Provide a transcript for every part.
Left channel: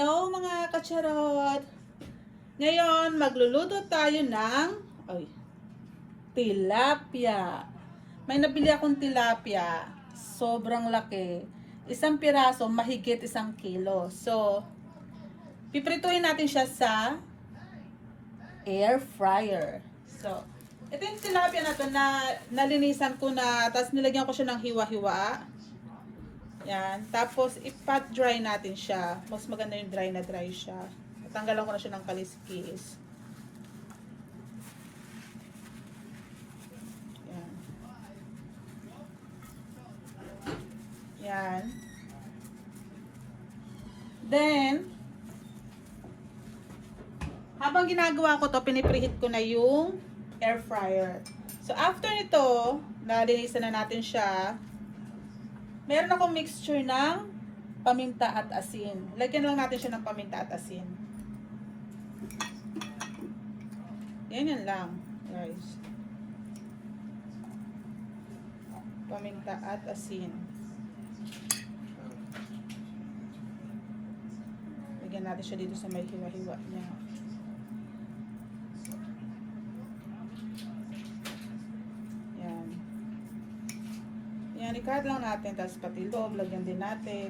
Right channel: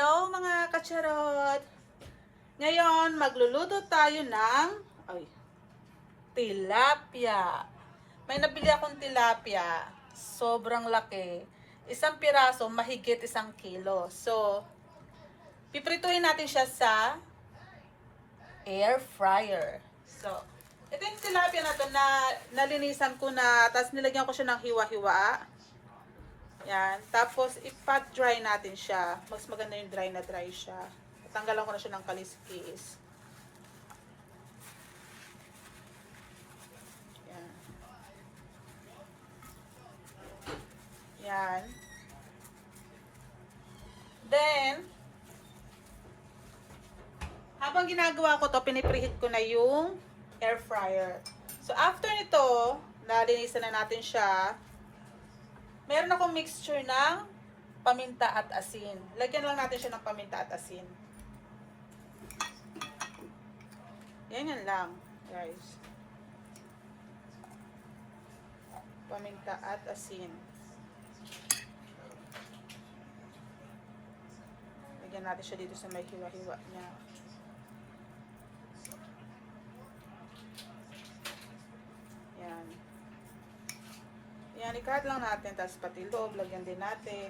Hello mga kacharot! Ngayon, magluluto tayo ng tilapia. May nabili akong tilapia. Sobrang laki. Isang piraso, mahigit 1 kilo. So, piprituin natin siya sa air fryer. So, ito yung tilapia na to na nalinisan ko na, tapos nilagyan ko siya ng hiwa-hiwa. Yan. Tapos, i-pat dry natin siya. Mas maganda yung dry na dry siya. Tanggalan ko na siya ng kaliskis. Yan. Yan. Then, habang ginagawa ko to, pinipreheat ko na yung air fryer. So, after nito, nalinisan na natin siya. Meron akong mixture ng paminta at asin. Lagyan lang natin siya ng paminta at asin. Yan lang, guys. Paminta at asin. Lagyan natin siya dito sa may hiwa-hiwa niya. I-card lang natin, tapos pati loob, lagyan din natin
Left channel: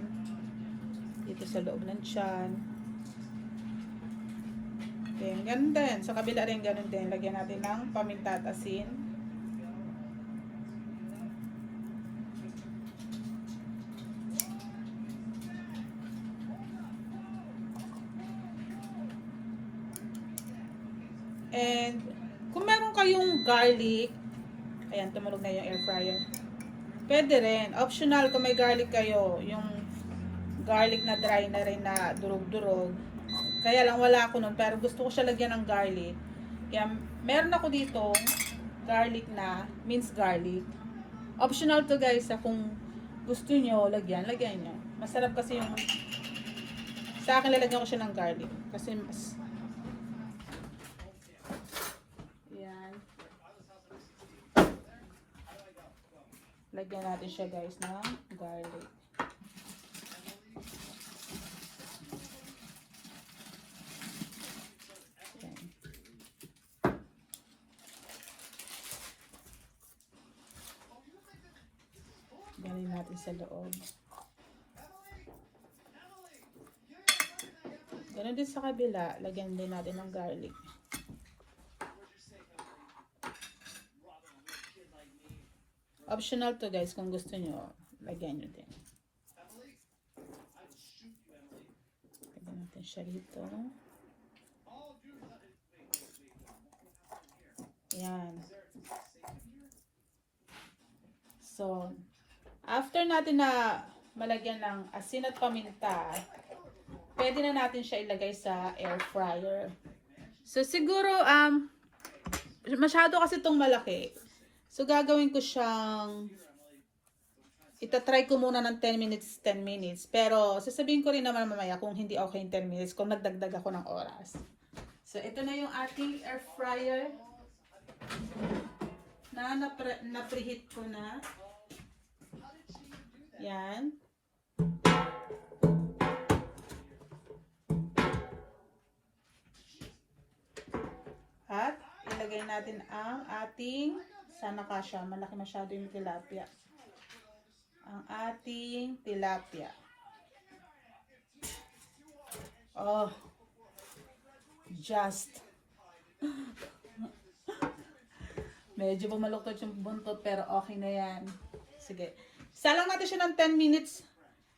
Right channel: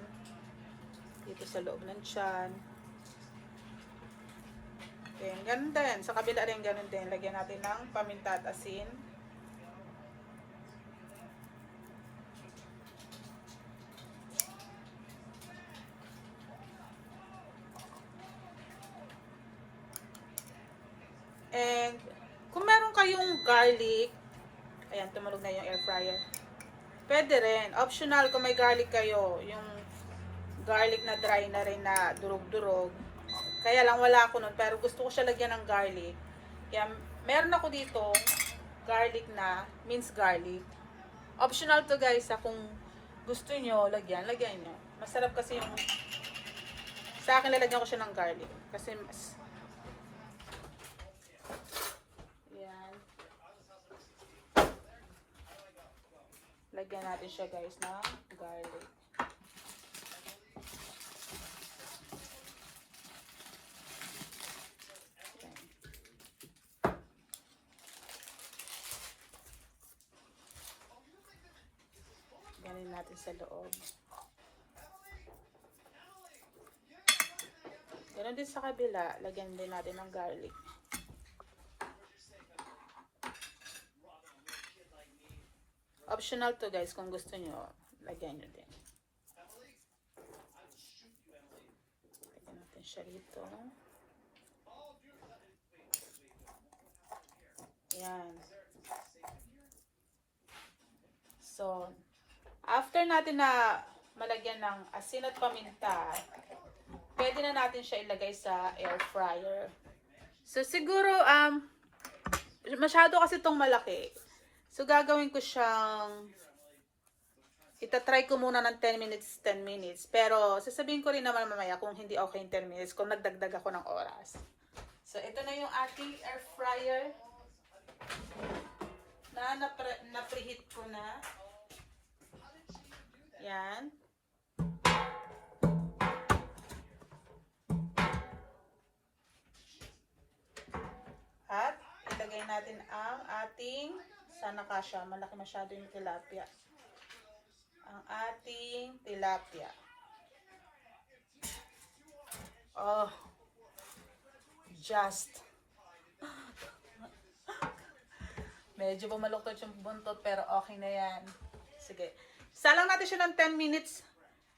dito sa loob ng tiyan. Then, ganun din, sa kabila rin ganun din, lagyan natin ng paminta at asin. And kung meron kayong garlic, ayan, tumulog na yung air fryer. Pwede rin. Optional kung may garlic kayo. Yung garlic na dry na rin na durog-durog. Kaya lang wala ako nun. Pero gusto ko siya lagyan ng garlic. Yan. Meron ako dito garlic na, minced garlic. Optional to guys. Kung gusto nyo, lagyan nyo. Masarap kasi yung sa akin lalagyan ko siya ng garlic. Kasi mas yan. Lagyan natin siya guys ng garlic. Ganin natin sa loob. Ganon din sa kabila. Lagyan din natin ng garlic. Optional to guys, kung gusto nyo, lagyan nyo din. Lagyan natin siya dito. Yan. So, after natin na malagyan ng asin at paminta, pwede na natin siya ilagay sa air fryer. So, siguro, masyado kasi itong malaki. So, gagawin ko siyang, itatry ko muna ng 10 minutes. Pero, sasabihin ko rin naman mamaya kung hindi okay yung 10 minutes, kung nagdagdag ako ng oras. So, ito na yung ating air fryer na preheat ko na. Yan. At, ilagay natin ang ating sana kasya, malaki masyado yung tilapia. Ang ating tilapia. Oh. Just. Medyo bumaluktot yung buntot pero okay na yan. Sige. Salang natin siya ng 10 minutes.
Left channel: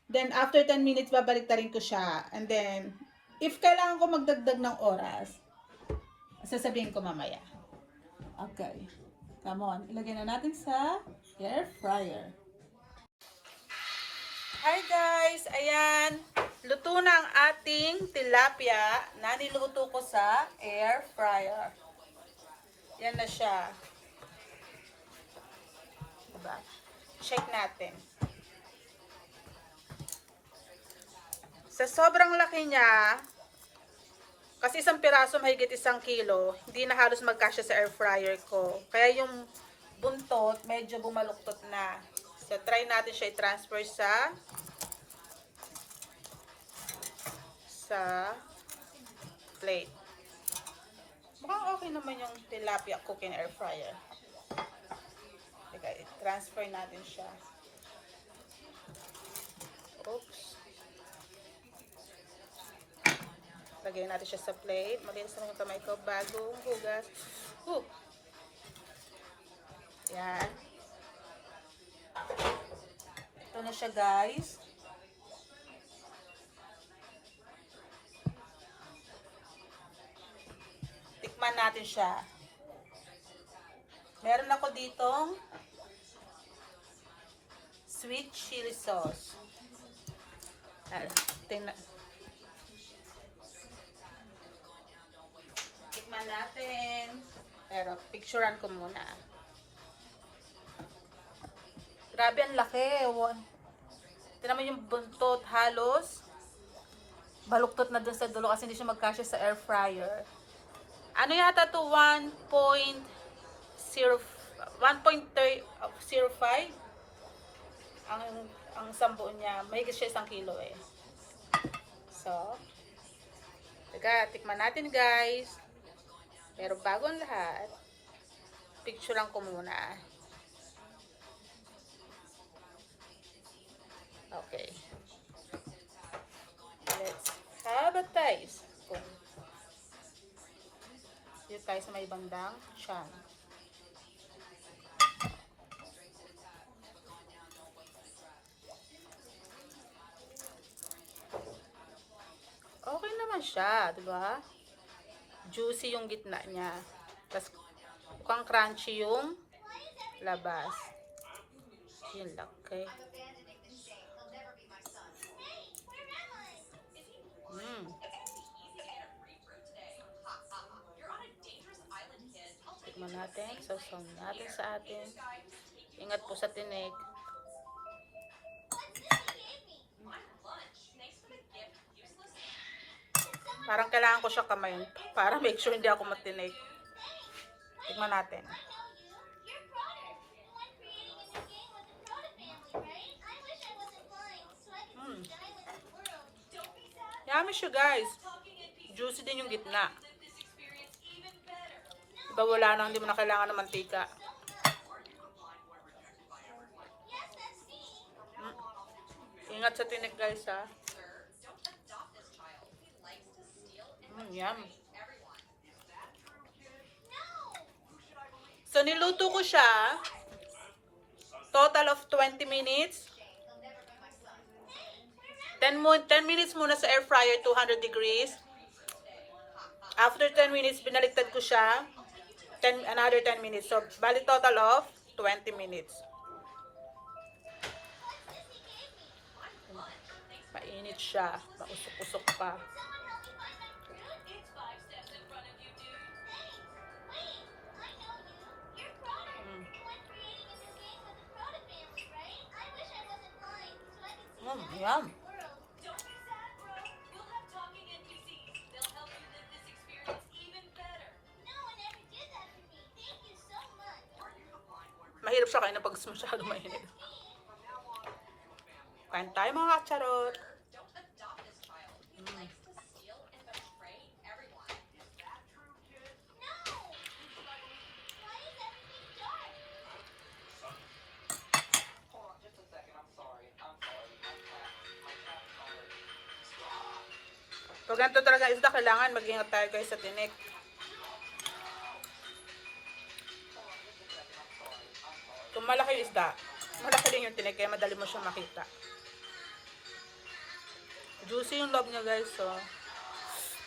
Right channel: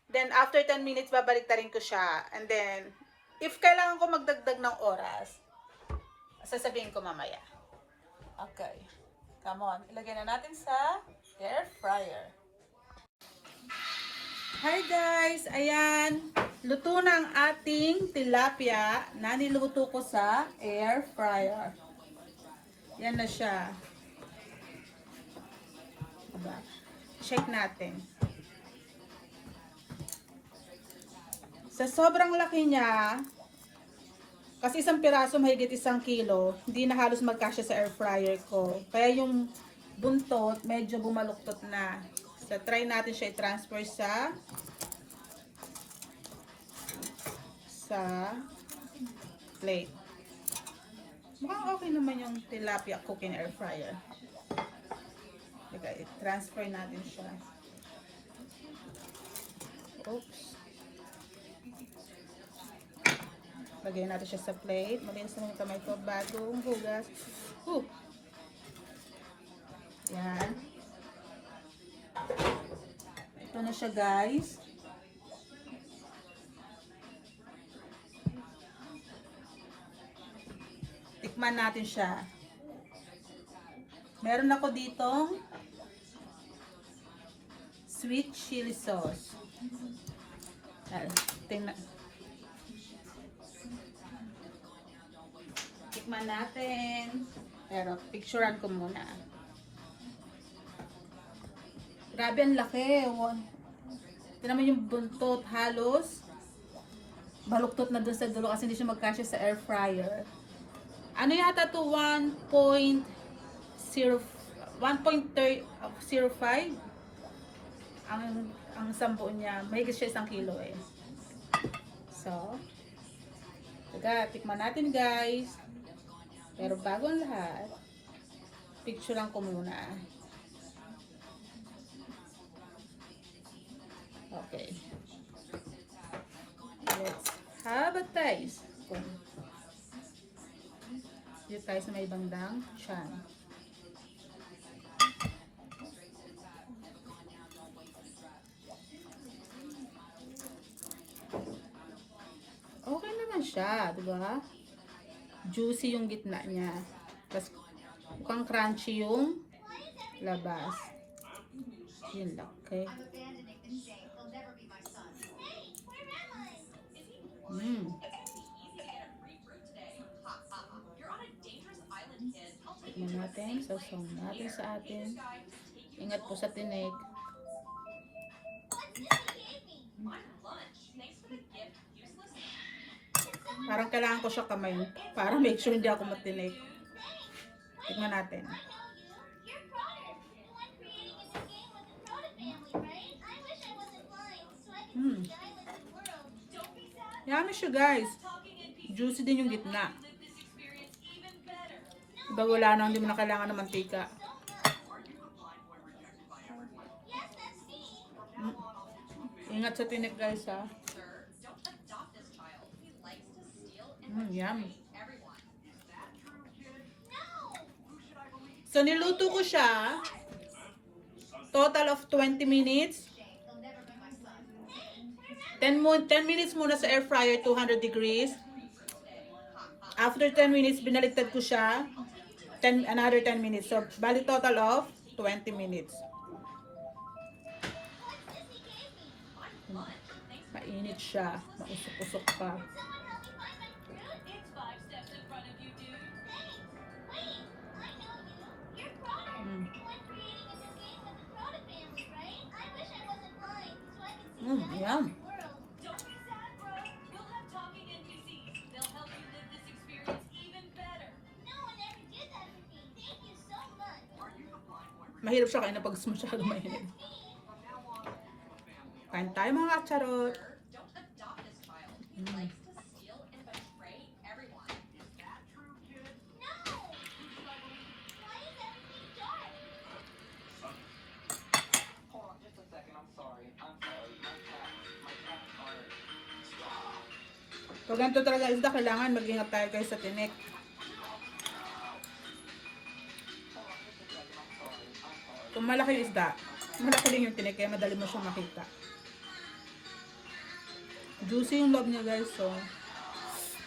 Then after 10 minutes, babalik na rin ko siya. And then, if kailangan ko magdagdag ng oras, sasabihin ko mamaya. Okay. Come on, ilagay na natin sa air fryer. Hi guys! Ayan, luto na ang ating tilapia na niluto ko sa air fryer. Yan na siya. Diba? Check natin. Sa sobrang laki niya, kasi isang piraso mahigit 1 kilo, hindi na halos magkasya sa air fryer ko. Kaya yung buntot medyo bumaluktot na. So try natin siya i-transfer sa sa plate. Mukhang okay naman yung tilapia cooking air fryer. Okay, transfer natin siya. Oops. Lagay natin siya sa plate. Malinis naman yung kamay ko bagong hugas. Yan. Ito na siya, guys. Tikman natin siya. Meron ako ditong sweet chili sauce. Tingnan. Tikman natin. Pero picturean ko muna. Grabe, ang laki. Tingnan mo yung buntot, halos baluktot na dun sa dulo kasi hindi siya magkasya sa air fryer. Ano yata to? 1.05 ang sambo niya. Mahigit siya 1 kilo eh. So, tikman natin, guys. Pero bago ang lahat, picturean ko muna. Okay. Let's have a taste. Dito tayo sa may bandang tiyan. Okay naman siya, di ba? Juicy yung gitna niya. Tapos mukhang crunchy yung labas. Yun lang, okay? Tikman natin, sasawin natin sa atin. Ingat po sa tinik. Parang kailangan ko siya kamayin para make sure hindi ako matinik. Tikman natin. Yummy siya, guys. Juicy din yung gitna. Diba wala na, hindi mo na kailangan ng mantika. Ingat sa tinik, guys, ha. Yum. So, niluto ko siya. Total of 20 minutes. 10 minutes muna sa air fryer, 200 degrees. After 10 minutes, binaliktad ko siya. Another 10 minutes. So, bali total of 20 minutes. Mainit siya. Mausok-usok pa. Yum. Mahirap siya kain na pag masyado mainit. Kain tayo, mga kacharot. Pag ganito talaga isda, kailangan mag-ingat tayo, guys, sa tinik. Kung malaki yung isda, malaki din yung tinik, kaya madali mo siyang makita. Juicy yung loob niya, guys, so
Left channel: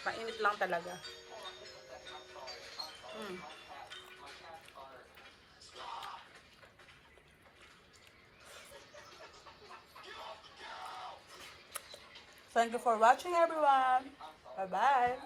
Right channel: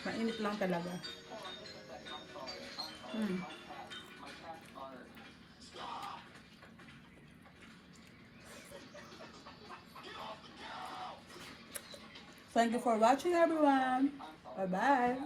mainit lang talaga. Thank you for watching, everyone. Bye-bye.